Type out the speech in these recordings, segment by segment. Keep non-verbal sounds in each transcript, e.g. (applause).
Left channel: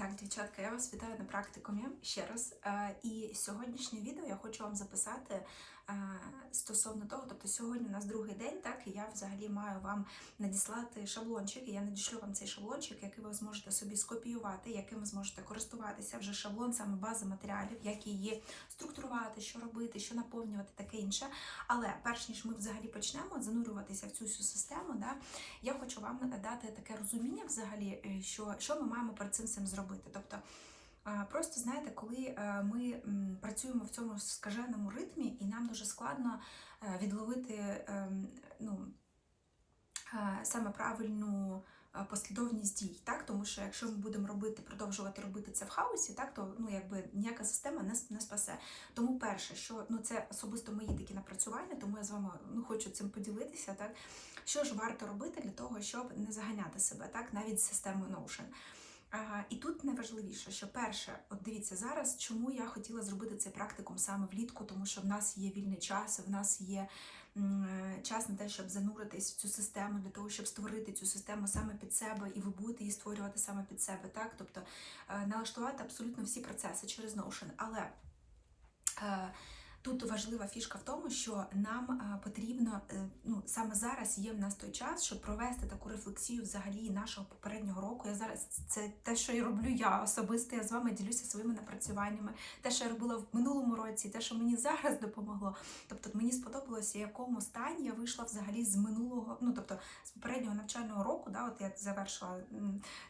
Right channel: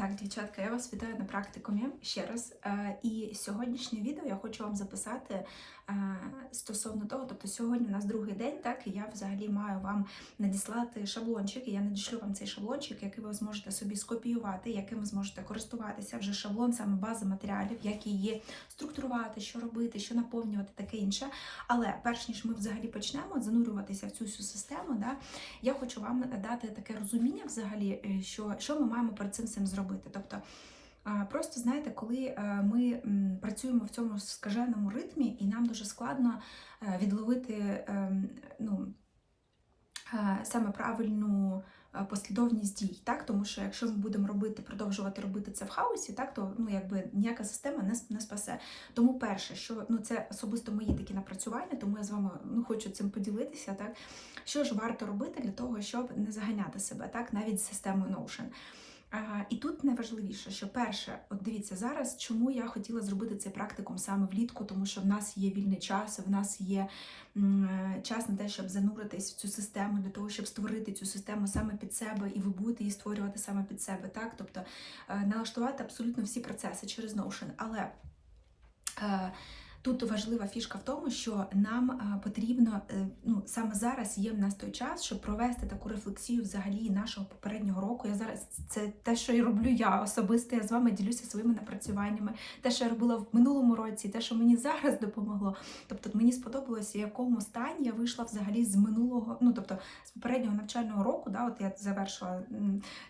так, дівчатка, я вас вітаю на практикумі ще раз. Е, І сьогоднішнє відео я хочу вам записати е, стосовно того, тобто сьогодні у нас другий день, так і я взагалі маю вам надіслати шаблончик. І я надішлю вам цей шаблончик, який ви зможете собі скопіювати, яким ви зможете користуватися. Вже шаблон, саме база матеріалів, як її структурувати, що робити, що наповнювати, таке інше. Але перш ніж ми взагалі почнемо занурюватися в цю всю систему, да, я хочу вам дати таке розуміння, взагалі, е, що, що ми маємо перед цим всім зробити. Тобто, просто знаєте, коли е, ми працюємо в цьому скаженому ритмі, і нам дуже складно е, відловити ем, ну, е, саме правильну. Послідовність дій, так тому що якщо ми будемо робити, продовжувати робити це в хаосі, так то ну якби ніяка система не, не спасе. Тому перше, що ну це особисто мої такі напрацювання, тому я з вами ну хочу цим поділитися. Так що ж варто робити для того, щоб не заганяти себе, так навіть з системою Notion. І тут найважливіше, що перше, от дивіться зараз, чому я хотіла зробити цей практикум саме влітку, тому що в нас є вільний час, в нас є е, час на те, щоб зануритись в цю систему, для того, щоб створити цю систему саме під себе, і ви будете її створювати саме під себе, так? Тобто е, налаштувати абсолютно всі процеси через Notion. Але е, Тут важлива фішка в тому, що нам е, потрібно е, ну саме зараз є в нас той час, щоб провести таку рефлексію взагалі нашого попереднього року. Я зараз це те, що і роблю я особисто. Я з вами ділюся своїми напрацюваннями, те, що я робила в минулому році, те, що мені зараз допомогло. Тобто мені сподобалося, в якому стані я вийшла взагалі з минулого, ну тобто з попереднього навчального року. Да, от я завершила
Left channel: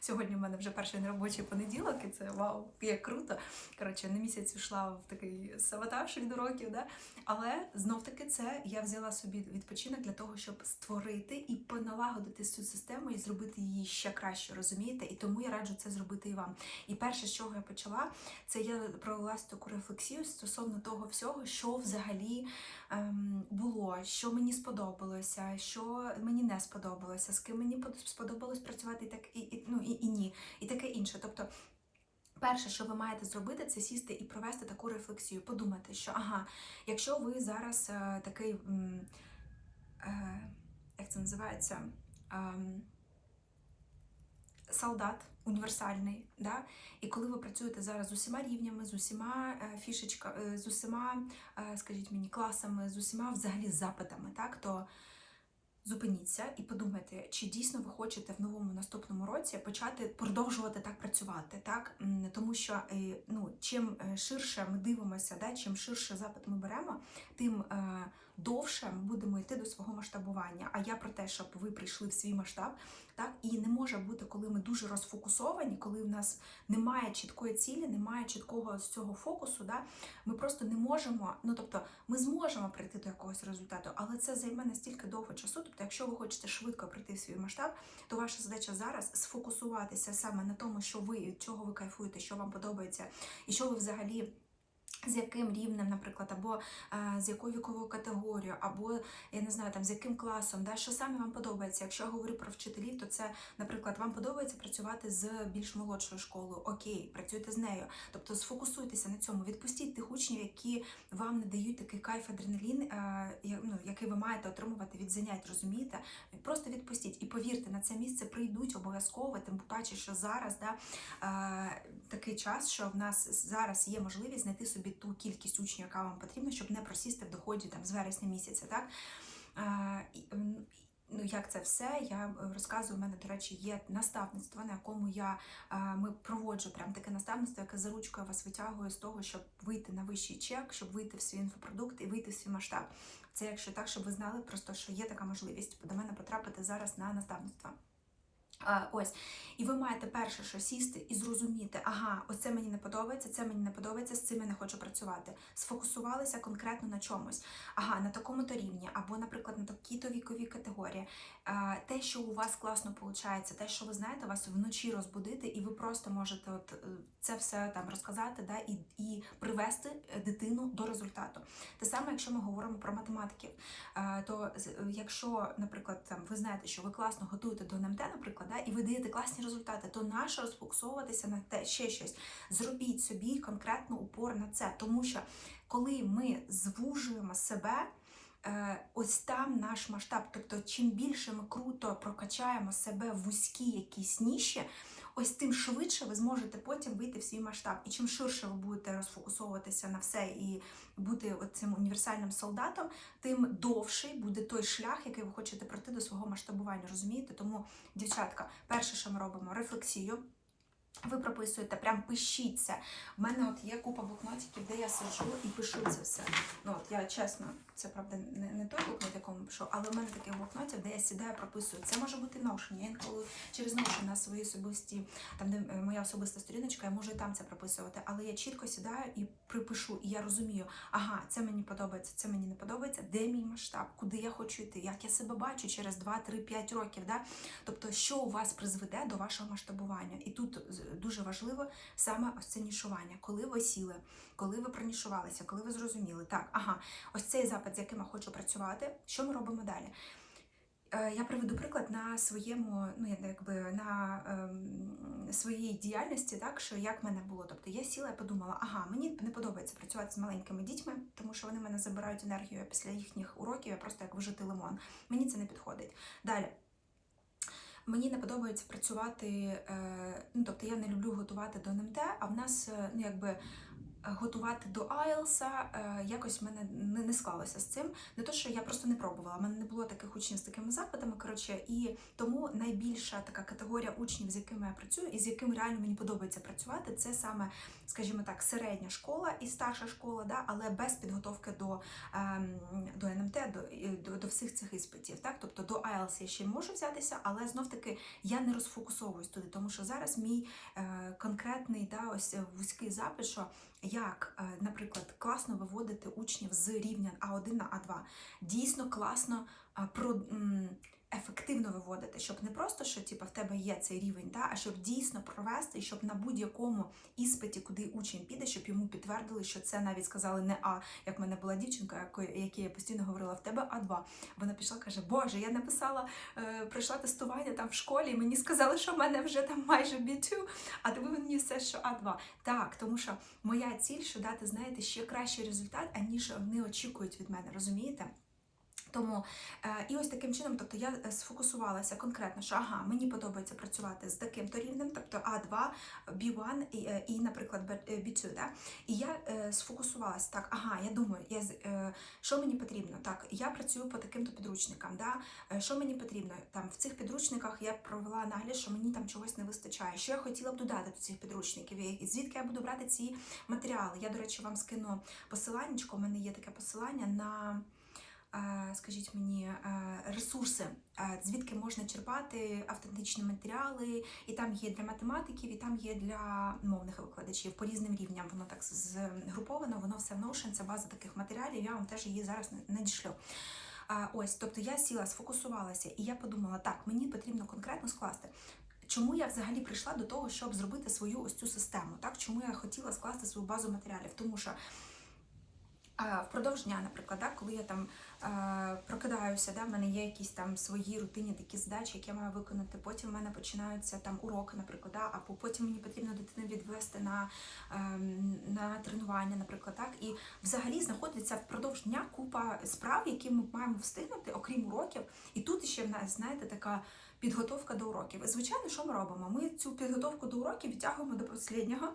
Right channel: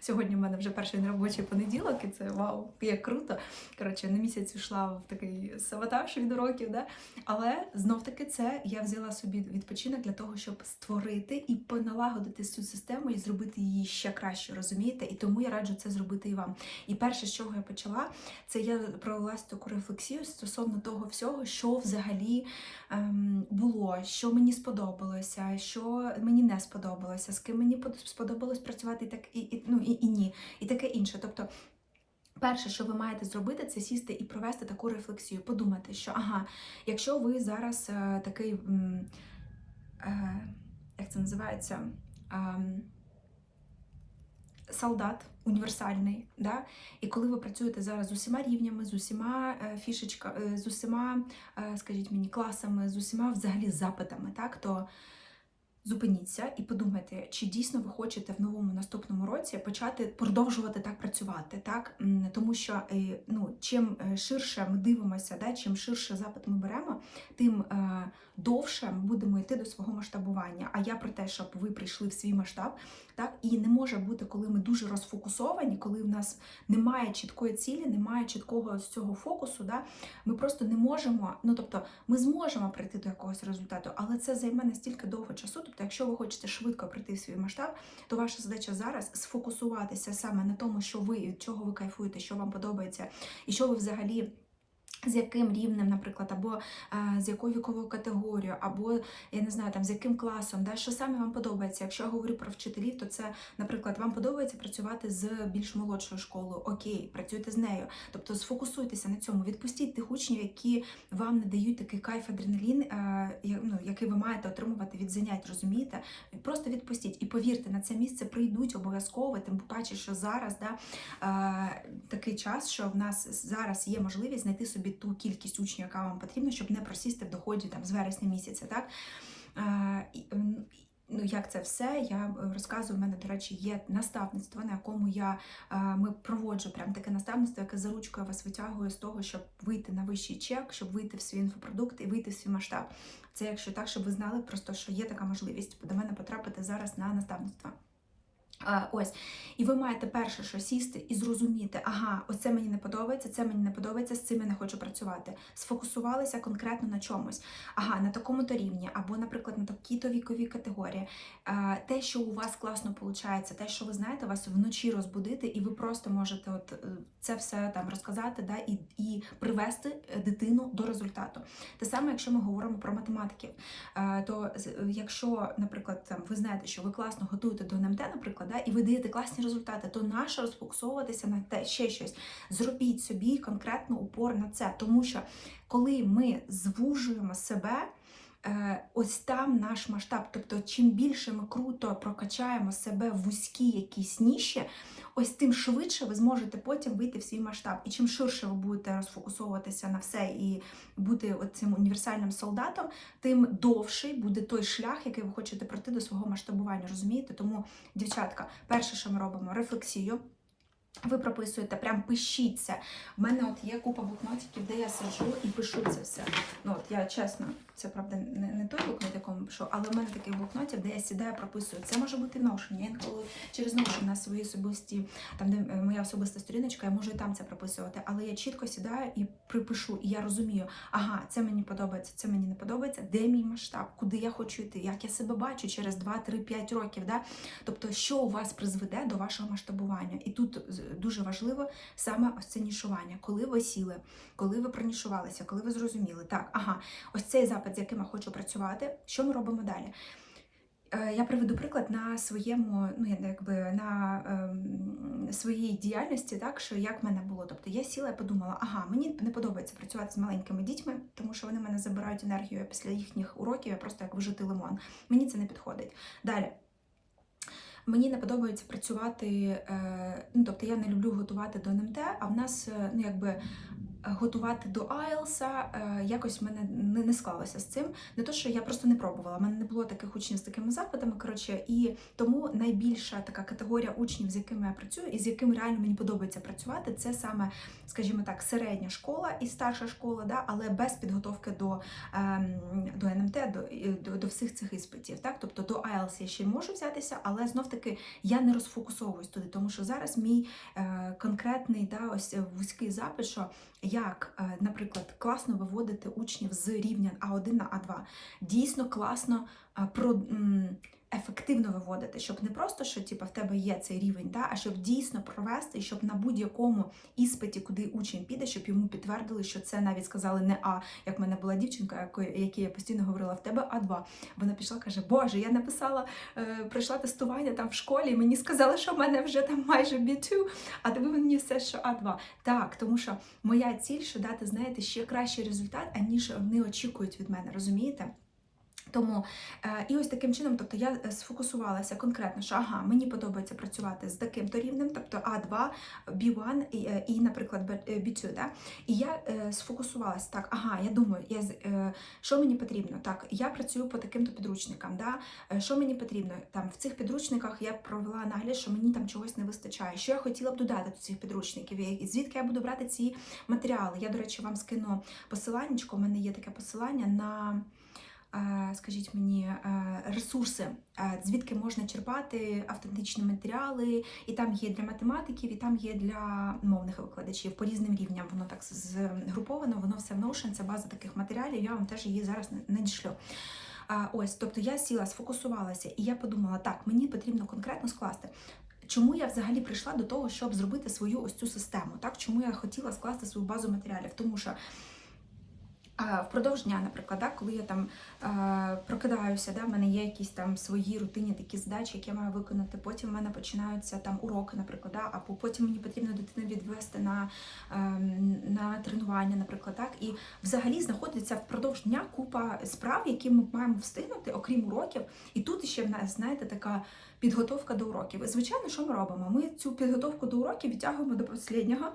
сьогодні. У мене вже перший робочий понеділок, і це вау, як круто. Коротше, на місяць йшла в такий саботаж від уроків, да? але знов таки це я взяла собі відпочинок для того, щоб створити і поналагодити цю систему і зробити її ще краще, розумієте? І тому я раджу це зробити і вам. І перше, з чого я почала, це я провелась таку рефлексію стосовно того всього, що взагалі ем, було, що мені сподобалося, що мені не сподобалося, з ким мені сподобалось працювати так і, і ну і, і ні, і таке інше. Тобто. Перше, що ви маєте зробити, це сісти і провести таку рефлексію, подумати, що ага, якщо ви зараз е, такий, е, як це називається, ем, солдат універсальний, да? і коли ви працюєте зараз з усіма рівнями, з усіма е, фішечками, з усіма, е, скажіть мені, класами, з усіма взагалі запитами, так, то Зупиніться і подумайте, чи дійсно ви хочете в новому наступному році почати продовжувати так працювати, так? Тому що е, ну чим е, ширше ми дивимося, да, чим ширше запит ми беремо, тим е, довше ми будемо йти до свого масштабування. А я про те, щоб ви прийшли в свій масштаб, так і не може бути, коли ми дуже розфокусовані, коли в нас немає чіткої цілі, немає чіткого з цього фокусу. Да, ми просто не можемо. Ну тобто, ми зможемо прийти до якогось результату, але це займе настільки довго часу. Тобто, якщо ви хочете швидко прийти в свій масштаб, то ваша задача зараз сфокусуватися саме на тому, що ви від чого ви кайфуєте, що вам подобається, і що ви взагалі. З яким рівнем, наприклад, або а, з якою віковою категорією, або я не знаю, там з яким класом, да, що саме вам подобається. Якщо я говорю про вчителів, то це, наприклад, вам подобається працювати з більш молодшою школою. Окей, працюйте з нею. Тобто сфокусуйтеся на цьому, відпустіть тих учнів, які вам не дають такий кайф, адреналін, а, ну, який ви маєте отримувати від занять, розумієте? Просто відпустіть і повірте, на це місце прийдуть обов'язково. Тим паче, що зараз да, е, такий час, що в нас зараз є можливість знайти собі ту кількість учнів, яка вам потрібна, щоб не просісти в доході там з вересня місяця. Так? Е, і, Ну, як це все, я е, розказую. У мене, до речі, є наставництво, на якому я е, ми проводжу прям таке наставництво, яке за ручкою вас витягує з того, щоб вийти на вищий чек, щоб вийти в свій інфопродукт і вийти в свій масштаб. Це якщо так, щоб ви знали просто, що є така можливість до мене потрапити зараз на наставництво. Ось, і ви маєте перше, що сісти і зрозуміти, ага, оце мені не подобається, це мені не подобається, з цим я не хочу працювати. Сфокусувалися конкретно на чомусь. Ага, на такому-то рівні, або, наприклад, на такій-то віковій категорії. Те, що у вас класно виходить, те, що ви знаєте, вас вночі розбудити, і ви просто можете от е, це все там розказати, да, і, і привести е, дитину до результату. Те саме, якщо ми говоримо про математиків, Е, то якщо, наприклад, там ви знаєте, що ви класно готуєте до НМТ, наприклад, да, і ви даєте класні результати, то наше розфокусовуватися на те ще щось. Зробіть собі конкретно упор на це, тому що коли ми звужуємо себе. е, Ось там наш масштаб. Тобто, чим більше ми круто прокачаємо себе в вузькі якісь ніші, ось тим швидше ви зможете потім вийти в свій масштаб. І чим ширше ви будете розфокусовуватися на все і бути цим універсальним солдатом, тим довший буде той шлях, який ви хочете пройти до свого масштабування. Розумієте? Тому, дівчатка, перше, що ми робимо, рефлексію. Ви прописуєте, прям пишіть це. У мене от є купа блокнотиків, де я сиджу і пишу це все. Ну от я чесно, це правда не, не той блокнот, якому пишу, але в мене таких блокнотів, де я сідаю, прописую. Це може бути Notion. Я інколи через Notion на свої особисті, там де е, моя особиста сторіночка, я можу і там це прописувати. Але я чітко сідаю і припишу, і я розумію, ага, це мені подобається, це мені не подобається. Де мій масштаб, куди я хочу йти, як я себе бачу через 2, 3, 5 років. Да? Тобто, що у вас призведе до вашого масштабування, і тут дуже важливо саме ось це нішування, коли ви сіли, коли ви пронішувалися, коли ви зрозуміли, так, ага, ось цей запит, з яким я хочу працювати, що ми робимо далі? Е, я приведу приклад на своєму, ну якби на ем, своїй діяльності, так що як в мене було. Тобто я сіла і подумала, ага, мені не подобається працювати з маленькими дітьми, тому що вони мене забирають енергію після їхніх уроків. Я просто як вижити лимон. Мені це не підходить. Далі. Мені не подобається працювати, е, ну тобто я не люблю готувати до НМТ, а в нас е, ну якби готувати до IELTS, е, якось в мене не, склалося з цим. Не то, що я просто не пробувала. У мене не було таких учнів з такими запитами. Коротше, і тому найбільша така категорія учнів, з якими я працюю, і з якими реально мені подобається працювати, це саме, скажімо так, середня школа і старша школа, да, але без підготовки до ем, до НМТ, до, до до, всіх цих іспитів. Так, тобто до IELTS я ще можу взятися, але знов таки я не розфокусовуюсь туди, тому що зараз мій е, конкретний да, ось вузький запит, що як, е, наприклад, класно виводити учнів з рівня А1 на А2. Дійсно класно е, про ефективно виводити, щоб не просто, що типу, в тебе є цей рівень, да, а щоб дійсно провести, щоб на будь-якому іспиті, куди учень піде, щоб йому підтвердили, що це навіть сказали не А, як в мене була дівчинка, якій я постійно говорила, в тебе А2. Вона пішла, каже, Боже, я написала, е, пройшла тестування там в школі, і мені сказали, що в мене вже там майже B2, а ви мені все, що А2. Так, тому що моя ціль, що дати, знаєте, ще кращий результат, аніж вони очікують від мене, розумієте? Тому е, і ось таким чином, тобто я е, сфокусувалася конкретно, що ага, мені подобається працювати з таким-то рівнем, тобто А2, B1 і, е, і наприклад, B2. Да? І я сфокусувалася так, ага, я думаю, я, що мені потрібно? Так, я працюю по таким-то підручникам. Да? Що мені потрібно? Там В цих підручниках я провела аналіз, що мені там чогось не вистачає. Що я хотіла б додати до цих підручників? і Звідки я буду брати ці матеріали? Я, до речі, вам скину посилання, у мене є таке посилання на. Е, скажіть мені, е, ресурси, е, звідки можна черпати автентичні матеріали, і там є для математиків, і там є для мовних викладачів по різним рівням. Воно так згруповано, воно все в Notion, це база таких матеріалів. Я вам теж її зараз надішлю. Ось, тобто я сіла, сфокусувалася, і я подумала, так, мені потрібно конкретно скласти. Чому я взагалі прийшла до того, щоб зробити свою ось цю систему? Так, чому я хотіла скласти свою базу матеріалів? Тому що Впродовж дня, наприклад, да, коли я там е, прокидаюся, да, в мене є якісь там свої рутинні такі задачі, які я маю виконати. Потім в мене починаються там уроки, наприклад, да, або потім мені потрібно дитину відвести на е, на тренування, наприклад, так. І взагалі знаходиться впродовж дня купа справ, які ми маємо встигнути, окрім уроків. І тут ще в нас, знаєте, така підготовка до уроків. Звичайно, що ми робимо? Ми цю підготовку до уроків відтягуємо до останнього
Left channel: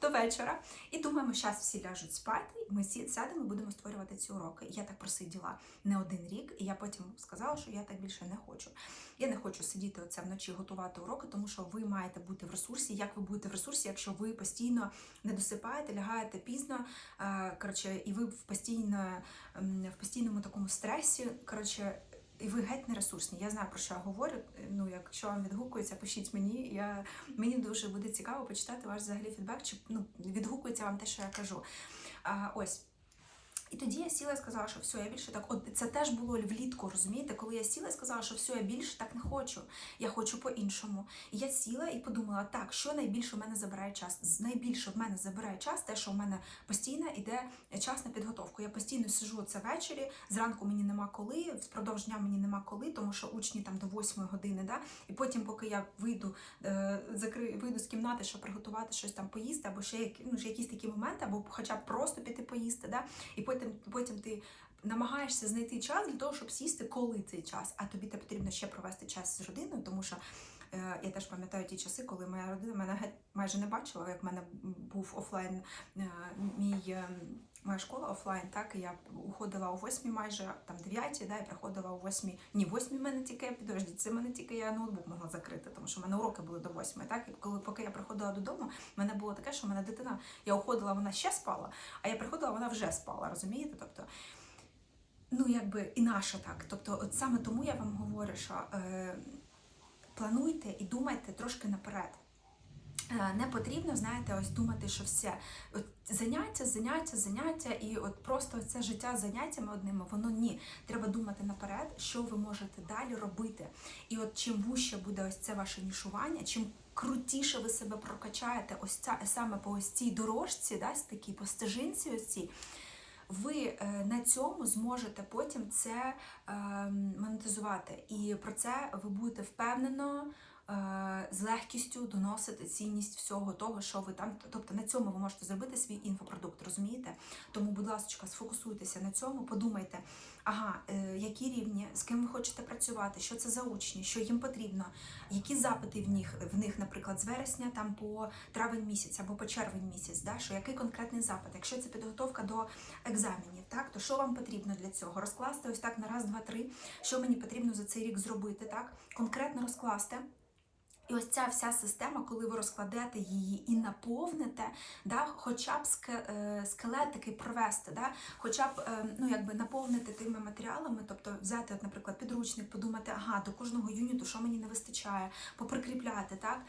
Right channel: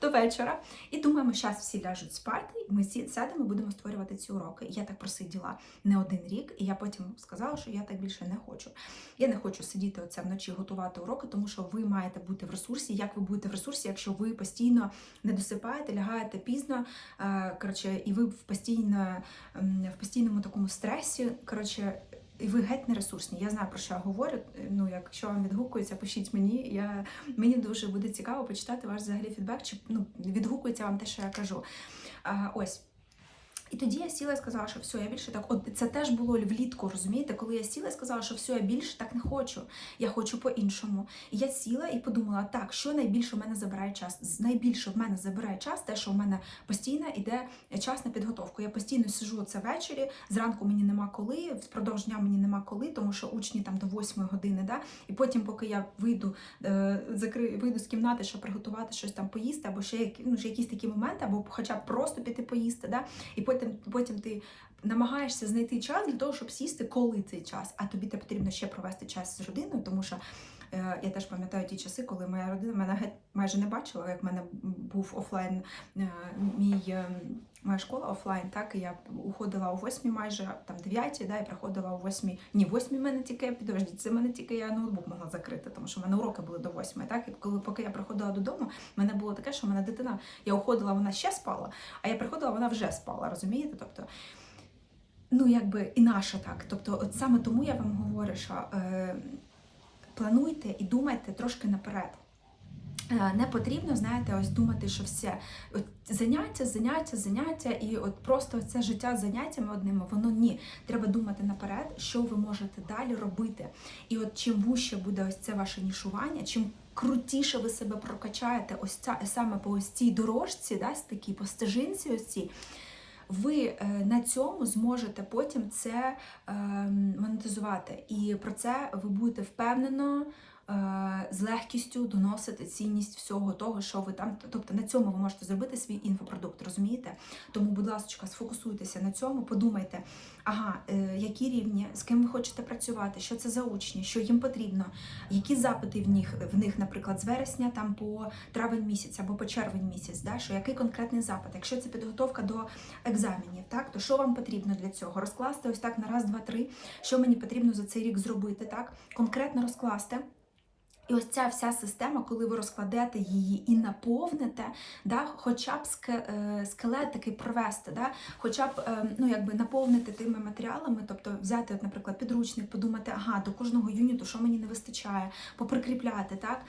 до вечора. І думаємо, зараз всі ляжуть спати, ми всі сядемо і будемо створювати ці уроки. Я так просиділа не один рік, і я потім сказала, що я так більше не хочу. Я не хочу сидіти оце вночі, готувати уроки, тому що ви маєте бути в ресурсі. Як ви будете в ресурсі, якщо ви постійно не досипаєте, лягаєте пізно, е, коротше, і ви в постійно в постійному такому стресі. Коротше, і ви геть не ресурсні. Я знаю, про що я говорю. Ну, якщо вам відгукується, пишіть мені. Я, Мені дуже буде цікаво почитати ваш взагалі фідбек, чи ну, відгукується вам те, що я кажу. А, Ось. І тоді я сіла і сказала, що все, я більше так. От це теж було влітку, розумієте, коли я сіла і сказала, що все, я більше так не хочу. Я хочу по-іншому. І я сіла і подумала, так, що найбільше в мене забирає час? Найбільше в мене забирає час, те, що в мене постійно йде час на підготовку. Я постійно сижу це ввечері, зранку мені нема коли, впродовж дня мені нема коли, тому що учні там до 8 години. Да? І потім, поки я вийду, е, закри, вийду з кімнати, щоб приготувати щось там поїсти, або ще ну, якісь такі моменти, або хоча б просто піти поїсти. Да? І потім потім, потім ти намагаєшся знайти час для того, щоб сісти, коли цей час, а тобі потрібно ще провести час з родиною, тому що Я теж пам'ятаю ті часи, коли моя родина мене майже не бачила, як в мене був офлайн е, мій. е, Моя школа офлайн, так я уходила о 8 майже там 9, да, і приходила о 8. Ні, 8 в мене тільки підождіть, це мене тільки я ноутбук могла закрити, тому що в мене уроки були до 8. Так, і коли поки я приходила додому, в мене було таке, що в мене дитина, я уходила, вона ще спала, а я приходила, вона вже спала. Розумієте? Тобто, ну якби і наша так. Тобто, от саме тому я вам говорю, що е, плануйте і думайте трошки наперед. Е, Не потрібно, знаєте, ось думати, що все от заняття, заняття, заняття, і от просто це життя заняттями одними, воно ні. Треба думати наперед, що ви можете далі робити. І от чим вуще буде ось це ваше нішування, чим крутіше ви себе прокачаєте, ось ця саме по ось цій дорожці, да, такій по стежинці, ось цій, ви е, на цьому зможете потім це е, монетизувати. І про це ви будете впевнено. Е, З легкістю доносити цінність всього того, що ви там. Тобто на цьому ви можете зробити свій інфопродукт, розумієте? Тому, будь ласка, сфокусуйтеся на цьому, подумайте, ага, е, які рівні, з ким ви хочете працювати, що це за учні, що їм потрібно, які запити в них, в них, наприклад, з вересня там по травень місяць або по червень місяць, да, що який конкретний запит. Якщо це підготовка до екзаменів, так, то що вам потрібно для цього? Розкласти ось так на раз, два, три, що мені потрібно за цей рік зробити, так? Конкретно розкласти. І ось ця вся система, коли ви розкладете її і наповните, да, хоча б е, скелет такий провести, да, хоча б е, ну, якби наповнити тими матеріалами, тобто взяти, от, наприклад, підручник, подумати, ага, до кожного юніту, що мені не вистачає, поприкріпляти. так.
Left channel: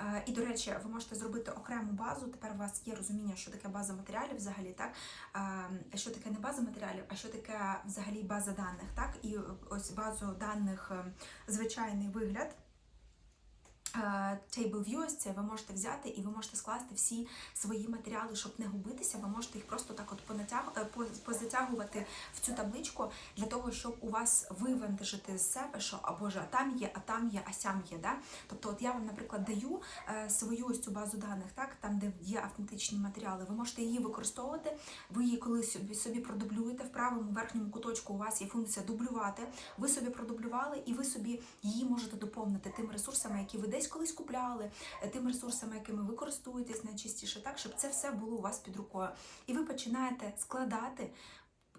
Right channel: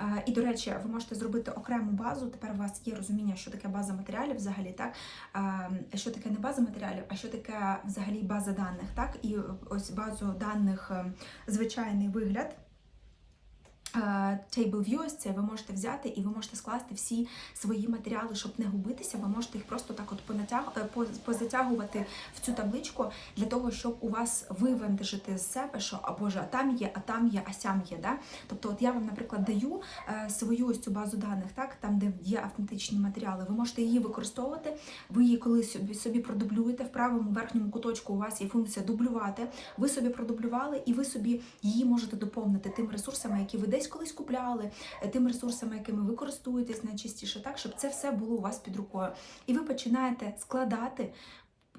Е, І, до речі, ви можете зробити окрему базу. Тепер у вас є розуміння, що таке база матеріалів взагалі, так що таке не база матеріалів, а що таке взагалі база даних, так? І ось базу даних звичайний вигляд. Table View, це ви можете взяти і ви можете скласти всі свої матеріали, щоб не губитися. Ви можете їх просто так от е, позатягувати в цю табличку для того, щоб у вас вивантажити з себе, що а боже, а там є, а там є, а сям є. Да? Тобто, от я вам, наприклад, даю е, свою ось цю базу даних, так там, де є автентичні матеріали. Ви можете її використовувати. Ви її коли собі, собі продублюєте в правому верхньому куточку. У вас є функція дублювати. Ви собі продублювали, і ви собі її можете доповнити тими ресурсами, які ви десь колись купляли, е, тими ресурсами, якими ви користуєтесь найчастіше, так щоб це все було у вас під рукою. І ви починаєте складати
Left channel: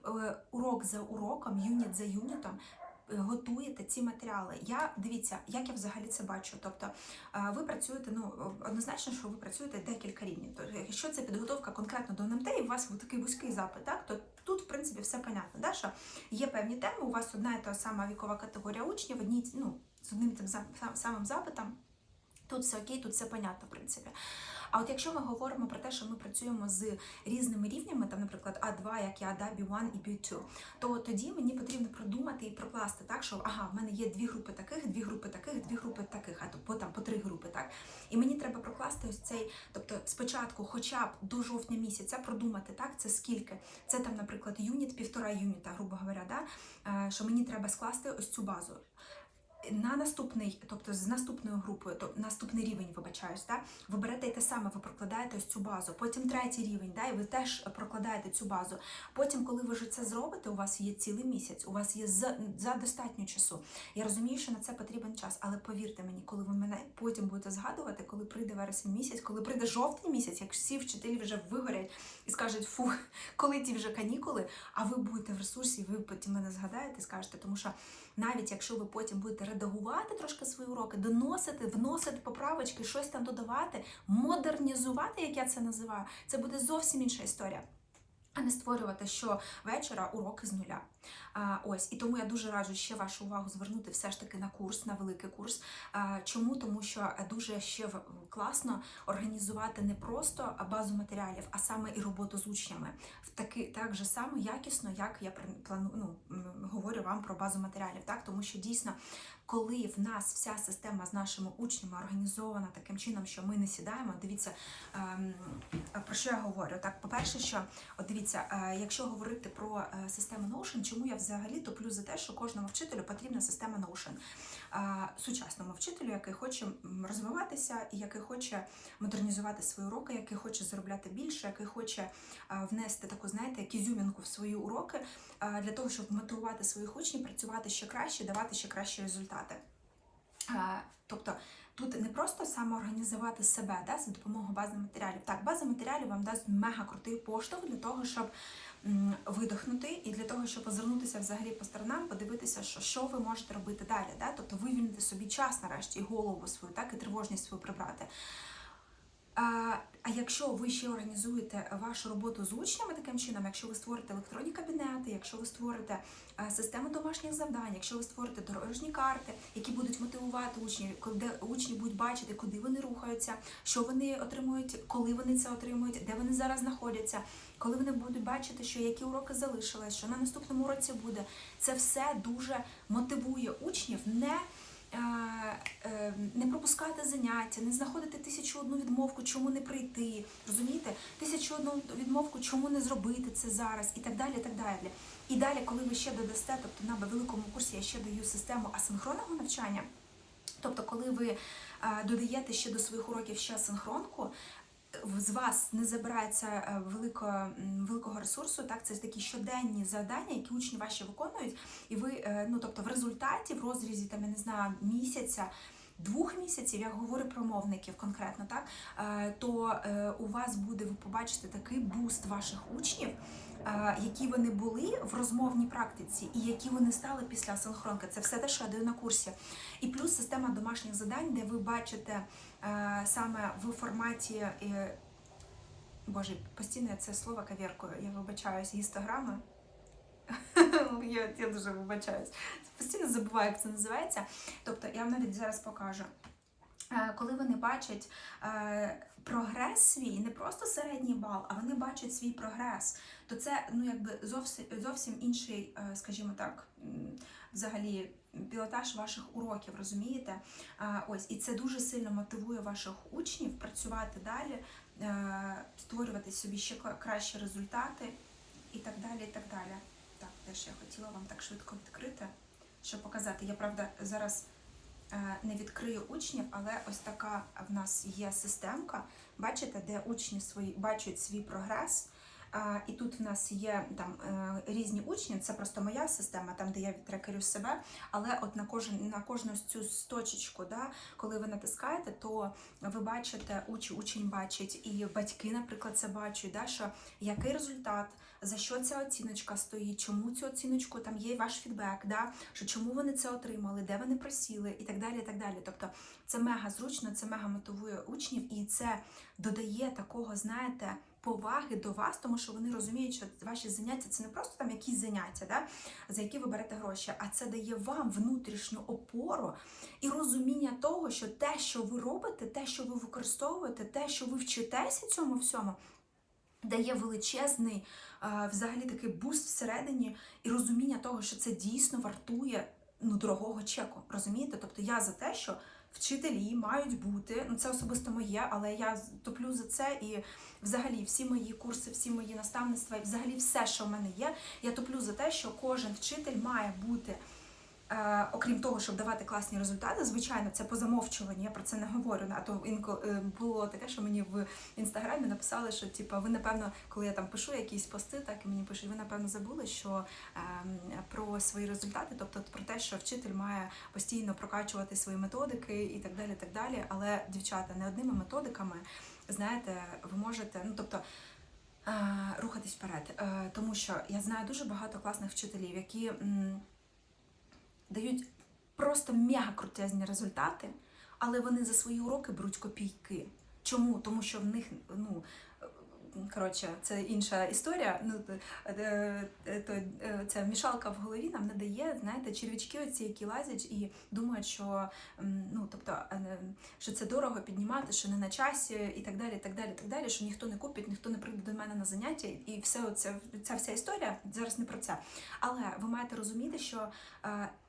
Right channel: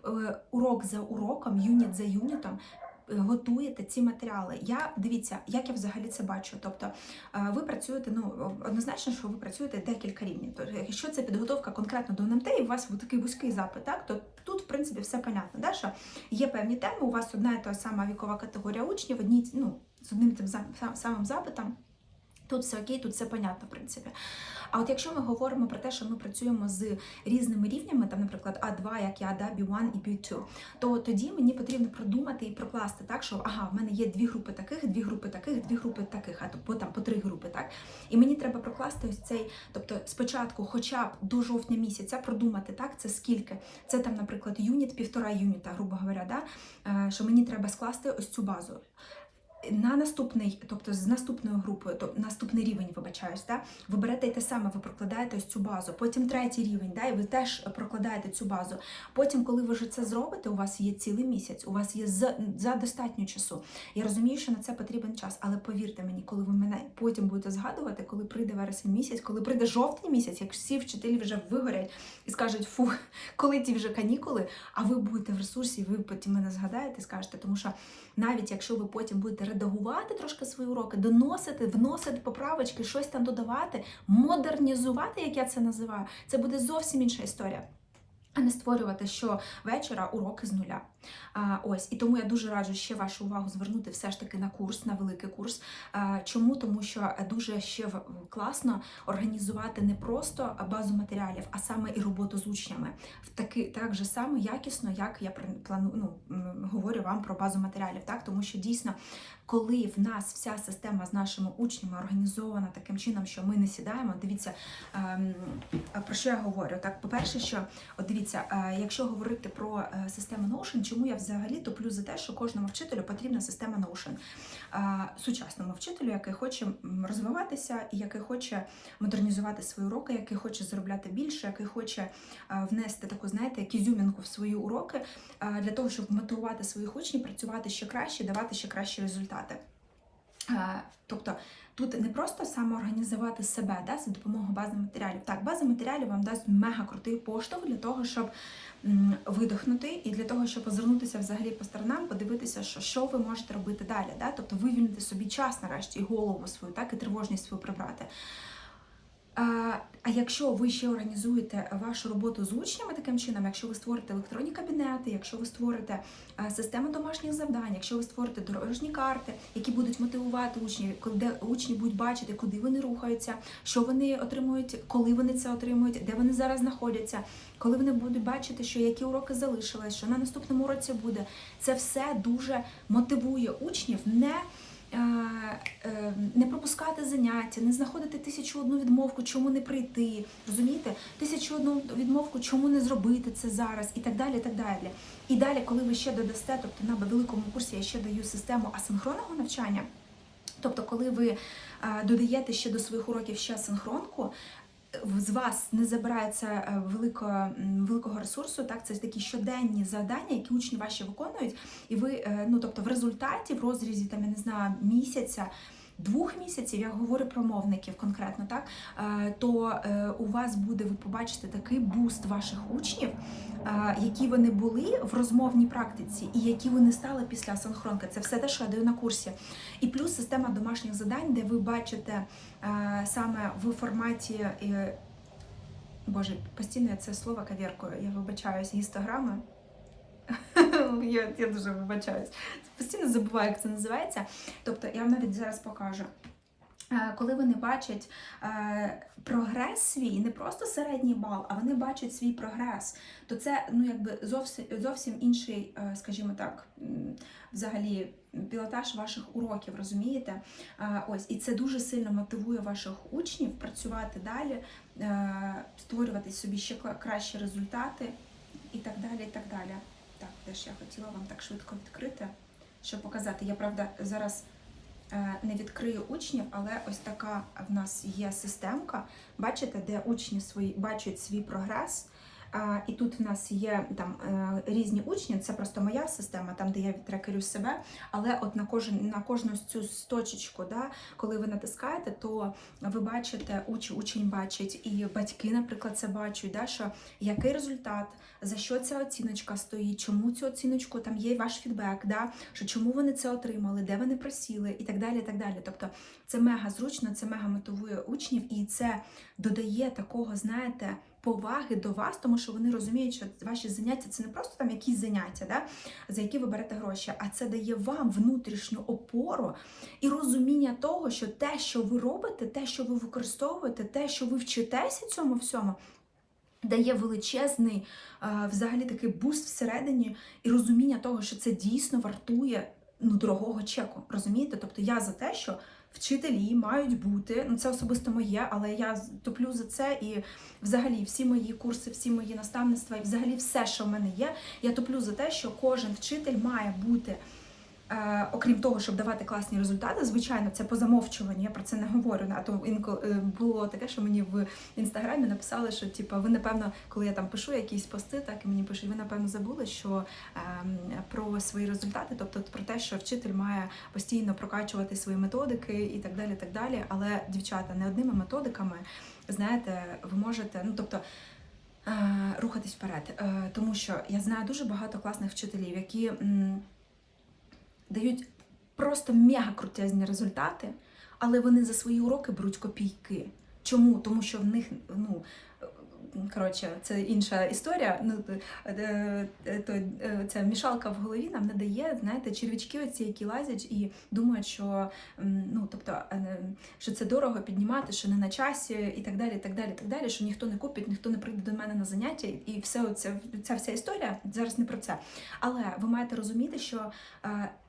е, урок за уроком, юніт за юнітом. е, Готуєте ці матеріали. Я дивіться, як я взагалі це бачу. Тобто ви працюєте, ну однозначно, що ви працюєте декілька рівнів. Тобто, якщо це підготовка конкретно до НМТ, і у вас такий вузький запит, так то тут, в принципі, все понятно. Да? Що є певні теми, у вас одна і та сама вікова категорія учнів, одні ну, з одним тим самим запитом. Тут все окей, тут все понятно, в принципі. А от якщо ми говоримо про те, що ми працюємо з різними рівнями, там, наприклад, А2, як я, да, B1 і B2, то тоді мені потрібно продумати і прокласти так, що ага, в мене є дві групи таких, дві групи таких, дві групи таких, а по там по три групи, так. І мені треба прокласти ось цей, тобто спочатку, хоча б до жовтня місяця, продумати так, це скільки. Це там, наприклад, юніт, півтора юніта, грубо говоря, да, е, що мені треба скласти ось цю базу. На наступний, тобто з наступною групою, тобто наступний рівень, вибачаюсь, да, ви берете те саме, ви прокладаєте ось цю базу. Потім третій рівень, да, і ви теж прокладаєте цю базу. Потім, коли ви вже це зробите, у вас є цілий місяць, у вас є за, за достатньо часу. Я розумію, що на це потрібен час, але повірте мені, коли ви мене потім будете згадувати, коли прийде вересень місяць, коли прийде жовтень місяць, як всі вчителі вже вигорять і скажуть, фу, коли ті вже канікули, а ви будете в ресурсі, ви потім мене згадаєте скажете, тому що навіть якщо ви потім будете редагувати трошки свої уроки, доносити, вносити поправочки, щось там додавати, модернізувати, як я це називаю, це буде зовсім інша історія. А не створювати що вечора уроки з нуля. А, ось і тому я дуже раджу ще вашу увагу звернути все ж таки на курс, на великий курс. А, чому? Тому що дуже ще класно організувати не просто базу матеріалів, а саме і роботу з учнями. В таки так же само якісно, як я плану, ну, говорю вам про базу матеріалів, так тому що дійсно, коли в нас вся система з нашими учнями організована таким чином, що ми не сідаємо, дивіться ем, про що я говорю. Так, по-перше, що от дивіться, е, якщо говорити про е, систему Notion, чому я взагалі топлю за те, що кожному вчителю потрібна система. Е, Сучасному вчителю, який хоче розвиватися і який хоче модернізувати свої уроки, який хоче заробляти більше, який хоче внести таку, знаєте, як ізюмінку в свої уроки для того, щоб мотивувати своїх учнів, працювати ще краще, давати ще кращі результати. Тобто тут не просто самоорганізувати себе да, за допомогою бази матеріалів. Так, база матеріалів вам дасть мега крутий поштовх для того, щоб видихнути і для того, щоб озирнутися взагалі по сторонам, подивитися, що, що ви можете робити далі. Да? Тобто вивільнити собі час нарешті і голову свою, так і тривожність свою прибрати. А, якщо ви ще організуєте вашу роботу з учнями таким чином, якщо ви створите електронні кабінети, якщо ви створите систему домашніх завдань, якщо ви створите дорожні карти, які будуть мотивувати учнів, де учні будуть бачити, куди вони рухаються, що вони отримують, коли вони це отримують, де вони зараз знаходяться, коли вони будуть бачити, що які уроки залишились, що на наступному уроці буде, це все дуже мотивує учнів не. Е, е, Не пропускати заняття, не знаходити тисячу одну відмовку, чому не прийти, розумієте? Тисячу одну відмовку, чому не зробити це зараз, і так далі. І так далі. І далі, коли ви ще додасте, тобто на великому курсі я ще даю систему асинхронного навчання. Тобто, коли ви е, додаєте ще до своїх уроків ще асинхронку, в- з вас не забирається е, велико, великого ресурсу, так це такі щоденні завдання, які учні ваші виконують, і ви, е, ну тобто, в результаті, в розрізі там я не знаю місяця. Двох місяців я говорю про мовників конкретно, так е, то е, у вас буде ви побачите такий буст ваших учнів, е, які вони були в розмовній практиці, і які вони стали після асинхронки. Це все те, що я даю на курсі. І плюс система домашніх завдань, де ви бачите саме в форматі. Боже, постійно я це слово кавіркою, я вибачаюсь, гістограми. (laughs) я, я дуже вибачаюсь. Постійно забуваю, як це називається. Тобто, я вам навіть зараз покажу. Е, Коли вони бачать е, прогрес свій, не просто середній бал, а вони бачать свій прогрес, то це ну якби зовсім зовсім інший, е, скажімо так, взагалі пілотаж ваших уроків, розумієте? Ось і це дуже сильно мотивує ваших учнів працювати далі, створювати собі ще кращі результати і так далі. і так далі. Теж я хотіла вам так швидко відкрити, щоб показати. Я правда зараз е, не відкрию учнів, але ось така в нас є системка. Бачите, де учні свої бачать свій прогрес. І тут в нас є там е, різні учні, це просто моя система, там де я трекерю себе. Але от на кожен на кожну цю точечку, да, коли ви натискаєте, то ви бачите, уч, учень бачить, і батьки, наприклад, це бачать, да, що який результат, за що ця оціночка стоїть, чому цю оціночку там є ваш фідбек, да, що чому вони це отримали, де вони просіли, і так далі. і так далі. Тобто це мега зручно, це мега мотивує учнів, і це додає такого, знаєте, поваги до вас, тому що вони розуміють, що ваші заняття це не просто там якісь заняття, да, за які ви берете гроші, а це дає вам внутрішню опору і розуміння того, що те, що ви робите, те, що ви використовуєте, те, що ви вчитеся цьому всьому. Дає величезний е, взагалі такий буст всередині і розуміння того, що це дійсно вартує ну, дорогого чеку. Розумієте? Тобто я за те, що вчителі мають бути, ну це особисто моє, але я топлю за це і взагалі всі мої курси, всі мої наставництва, і взагалі все, що в мене є, я топлю за те, що кожен вчитель має бути. Е, окрім того, щоб давати класні результати, звичайно, це по замовчуванню, я про це не говорю. А то інколи е, було таке, що мені в інстаграмі написали, що типу, ви напевно, коли я там пишу якісь пости, так і мені пишуть, ви напевно забули, що ем, про свої результати, тобто про те, що вчитель має постійно прокачувати свої методики і так далі. так далі. Але дівчата не одними методиками, знаєте, ви можете, ну тобто. е, Рухатись вперед, тому що я знаю дуже багато класних вчителів, які дають просто мега крутезні результати, але вони за свої уроки беруть копійки. Чому? Тому що в них, ну коротше, це інша історія. Ну, е, е, то, е, ця мішалка в голові нам не дає, знаєте, червячки оці, які лазять і думають, що ну, тобто, що це дорого піднімати, що не на часі, і так далі, так далі, так далі, що ніхто не купить, ніхто не прийде до мене на заняття, і все оце, ця вся історія зараз не про це. Але ви маєте розуміти, що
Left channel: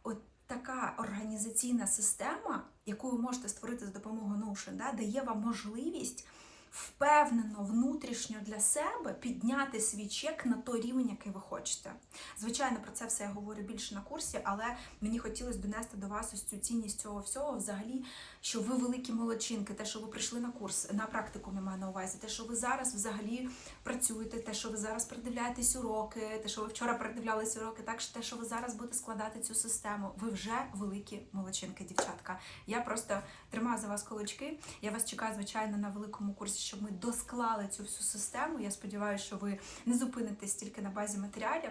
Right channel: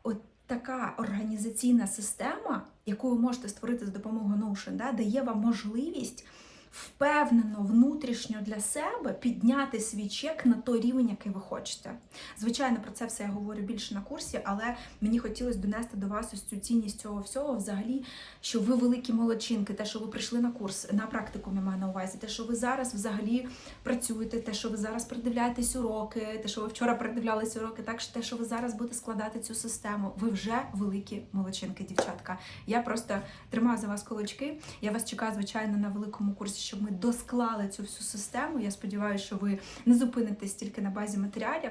от така організаційна система, яку ви можете створити з допомогою Notion, да, дає вам можливість впевнено внутрішньо для себе підняти свій чек на той рівень, який ви хочете. Звичайно, про це все я говорю більше на курсі, але мені хотілося донести до вас ось цю цінність цього всього, взагалі, що ви великі молодчинки, те, що ви прийшли на курс, на практику я маю на увазі, те, що ви зараз взагалі працюєте, те, що ви зараз придивляєтесь уроки, те, що ви вчора придивлялися уроки, так що те, що ви зараз будете складати цю систему, ви вже великі молодчинки, дівчатка. Я просто тримаю за вас кулачки. Я вас чекаю, звичайно, на великому курсі, щоб ми досклали цю всю систему. Я сподіваюся, що ви не зупинитесь тільки на базі матеріалів.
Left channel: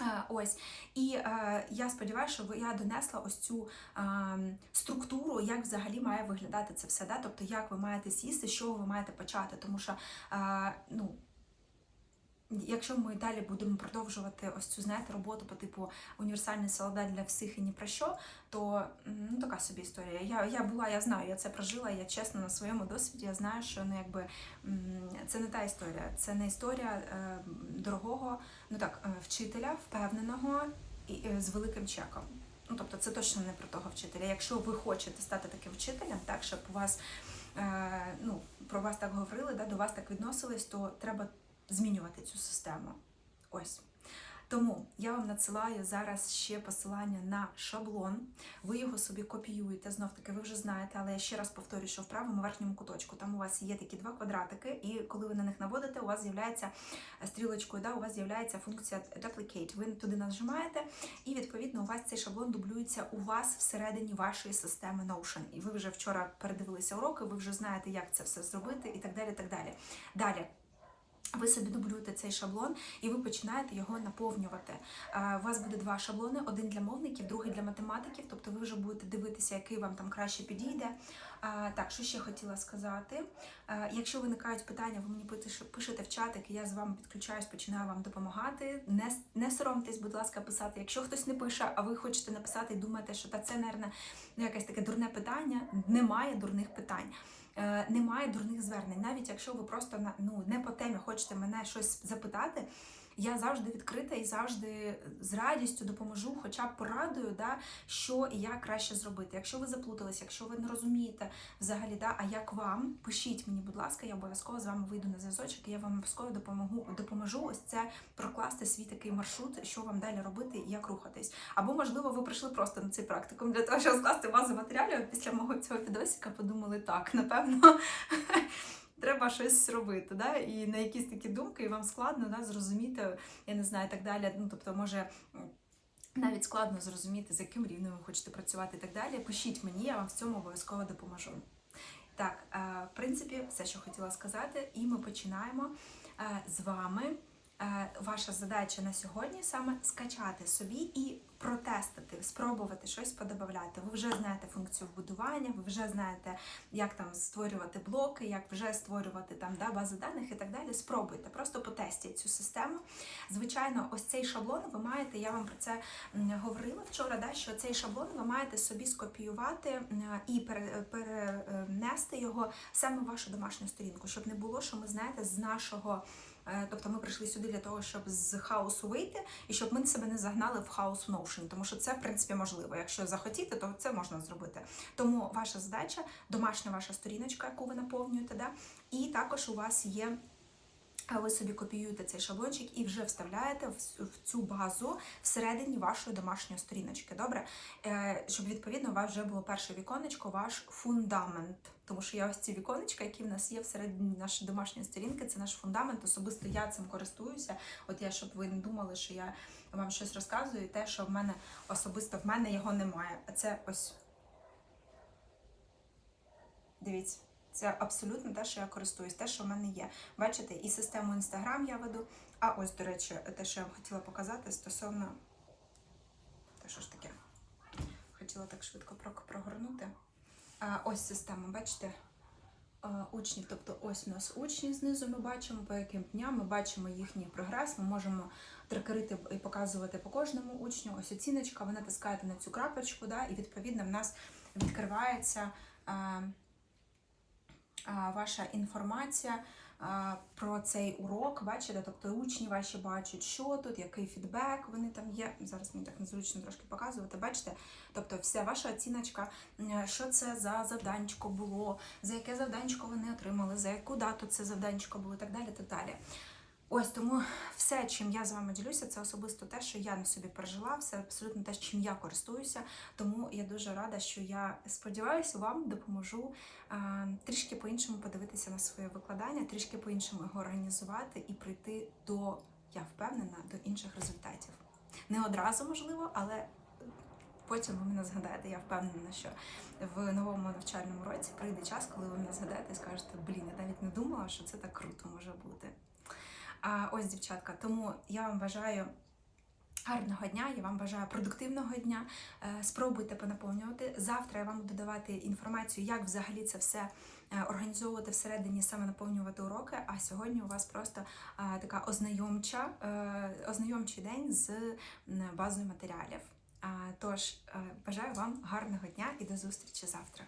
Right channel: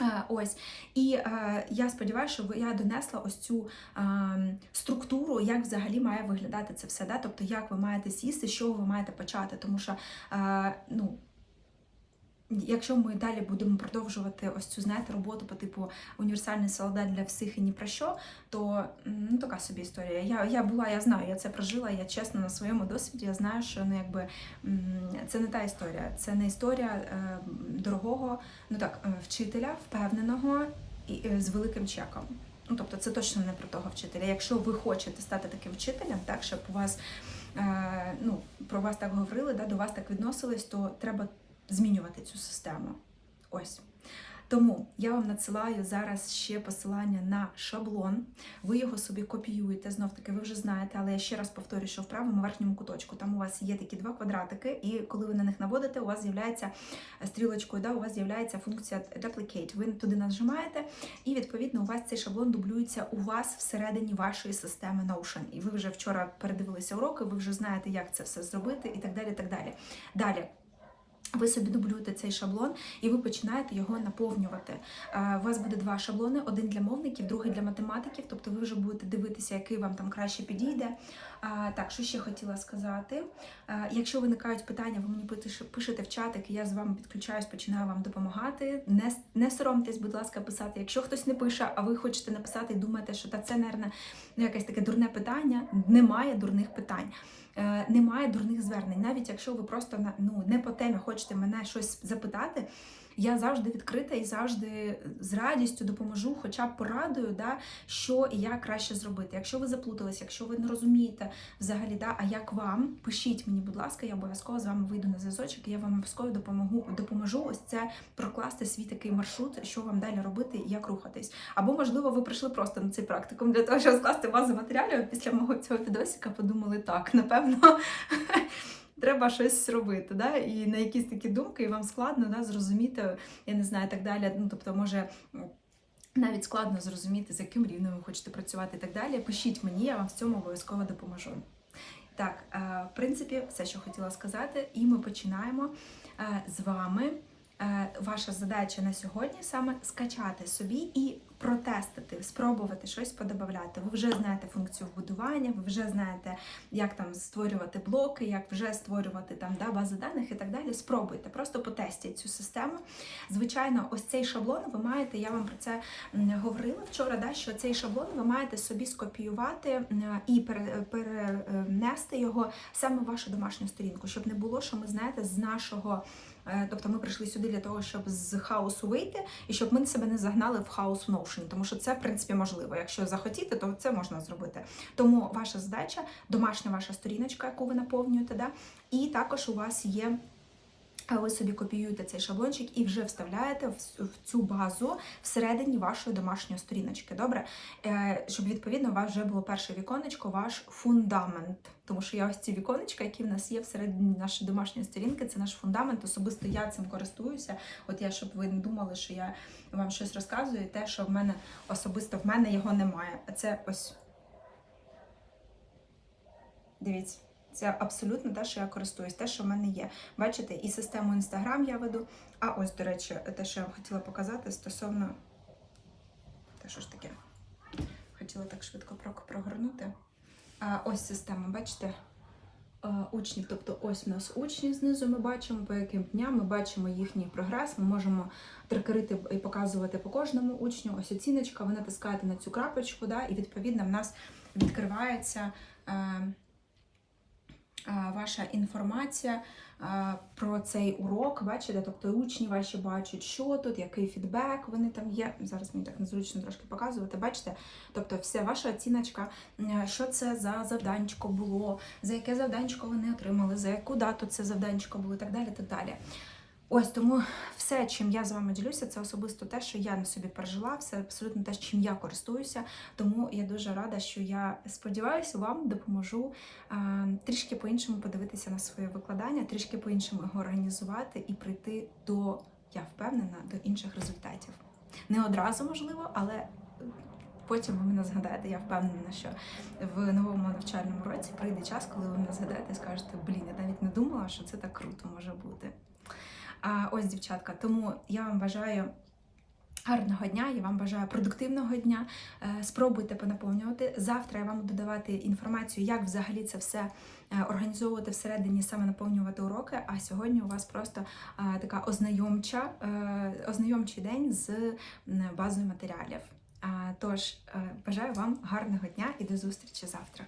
Е, Ось і е, я сподіваюся, що я донесла ось цю е, структуру, як взагалі має виглядати це все. Да? Тобто, як ви маєте сісти, з чого ви маєте почати. Тому що е, ну, якщо ми далі будемо продовжувати ось цю знаєте, роботу по типу універсальний солдат для всіх і ні про що, то ну, така собі історія. Я, я була, я знаю, я це прожила, я чесно на своєму досвіді, я знаю, що ну, якби, це не та історія, це не історія е, дорогого ну так, е, вчителя, впевненого і е, з великим чеком. Ну, тобто, це точно не про того вчителя. Якщо ви хочете стати таким вчителем, так щоб у вас е, ну, про вас так говорили, да, до вас так відносились, то треба змінювати цю систему. Ось. Тому я вам надсилаю зараз ще посилання на шаблон. Ви його собі копіюєте. Знов таки, ви вже знаєте, але я ще раз повторюю, що в правому верхньому куточку там у вас є такі два квадратики, і коли ви на них наводите, у вас з'являється е, стрілочкою, да, у вас з'являється функція Duplicate. Ви туди нажимаєте, і відповідно у вас цей шаблон дублюється у вас всередині вашої системи Notion. І ви вже вчора передивилися уроки, ви вже знаєте, як це все зробити, і так далі. так далі. Далі. Ви собі дублюєте цей шаблон і ви починаєте його наповнювати. Е, У вас буде два шаблони: один для мовників, другий для математиків. Тобто ви вже будете дивитися, який вам там краще підійде. Так, що ще хотіла сказати? Е, Якщо виникають питання, ви мені пишете- в чатик, я з вами підключаюсь, починаю вам допомагати. Не, не соромтесь, будь ласка, писати. Якщо хтось не пише, а ви хочете написати і думаєте, що та це, мабуть, ну, якесь таке дурне питання, немає дурних питань. Е, немає дурних звернень. Навіть якщо ви просто ну, не по темі хочете мене щось запитати, я завжди відкрита і завжди з радістю допоможу, хоча б порадую, да, що і як краще зробити. Якщо ви заплутались, якщо ви не розумієте взагалі, да, а як вам, пишіть мені, будь ласка, я обов'язково з вами вийду на зв'язочок, і я вам обов'язково допомогу, допоможу ось це прокласти свій такий маршрут, що вам далі робити і як рухатись. Або, можливо, ви прийшли просто на цей практикум для того, щоб скласти базу матеріалів після мого цього відосика, подумали, так, напевно. (laughs) Треба щось робити, да? і на якісь такі думки, і вам складно да, зрозуміти, я не знаю, так далі. Ну, тобто, може, навіть складно зрозуміти, з яким рівнем ви хочете працювати і так далі. Пишіть мені, я вам в цьому обов'язково допоможу. Так, е, в принципі, все, що хотіла сказати, і ми починаємо е, з вами. Е, Ваша задача на сьогодні саме скачати собі і протестити, спробувати щось подобавляти. Ви вже знаєте функцію вбудування, ви вже знаєте, як там створювати блоки, як вже створювати там да, бази даних і так далі. Спробуйте, просто потестіть цю систему. Звичайно, ось цей шаблон ви маєте, я вам про це говорила вчора, да, що цей шаблон ви маєте собі скопіювати і пере- перенести його саме в вашу домашню сторінку, щоб не було, що ми знаєте, з нашого. Е, Тобто ми прийшли сюди для того, щоб з хаосу вийти, і щоб ми себе не загнали в хаос в Notion, тому що це в принципі можливо. Якщо захотіти, то це можна зробити. Тому ваша задача, домашня ваша сторіночка, яку ви наповнюєте, да? і також у вас є. Ви собі копіюєте цей шаблончик і вже вставляєте в цю базу всередині вашої домашньої сторіночки. Добре, Е, щоб відповідно у вас вже було перше віконечко, ваш фундамент. Тому що я ось ці віконечка, які в нас є всередині нашої домашньої сторінки, це наш фундамент. Особисто я цим користуюся. От я, щоб ви не думали, що я вам щось розказую, те, що в мене особисто в мене його немає. А це ось. Дивіться. Це абсолютно те, що я користуюсь, те, що в мене є. Бачите, і систему Instagram я веду. А ось, до речі, те, що я вам хотіла показати стосовно. Та що ж таке? Хотіла так швидко прогорнути. А, ось система, бачите? Учні, тобто ось у нас учні знизу ми бачимо, по яким дням ми бачимо їхній прогрес. Ми можемо трекерити і показувати по кожному учню. Ось оціночка, ви натискаєте на цю крапочку, да, і відповідно в нас відкривається. Е, ваша інформація про цей урок. Бачите, тобто учні ваші бачать, що тут, який фідбек вони там є. Зараз мені так незручно трошки показувати. Бачите, тобто вся ваша оціночка, що це за завданчко було, за яке завданчко вони отримали, за яку дату це завданчико було і так далі. так далі. Ось тому все, чим я з вами ділюся, це особисто те, що я на собі пережила, все абсолютно те, чим я користуюся. Тому я дуже рада, що я сподіваюся, вам допоможу трішки по-іншому подивитися на своє викладання, трішки по-іншому його організувати і прийти до, я впевнена, до інших результатів. Не одразу можливо, але потім ви мене згадаєте. Я впевнена, що в новому навчальному році прийде час, коли ви мене згадаєте і скажете, блін, я навіть не думала, що це так круто може бути. А ось, дівчатка, тому я вам бажаю. Гарного дня, я вам бажаю продуктивного дня. Е, Спробуйте понаповнювати. Завтра я вам буду давати інформацію, як взагалі це все е, організовувати всередині, саме наповнювати уроки. А сьогодні у вас просто е, така ознайомча, ознайомчий день з базою матеріалів. Тож бажаю вам гарного дня і до зустрічі завтра.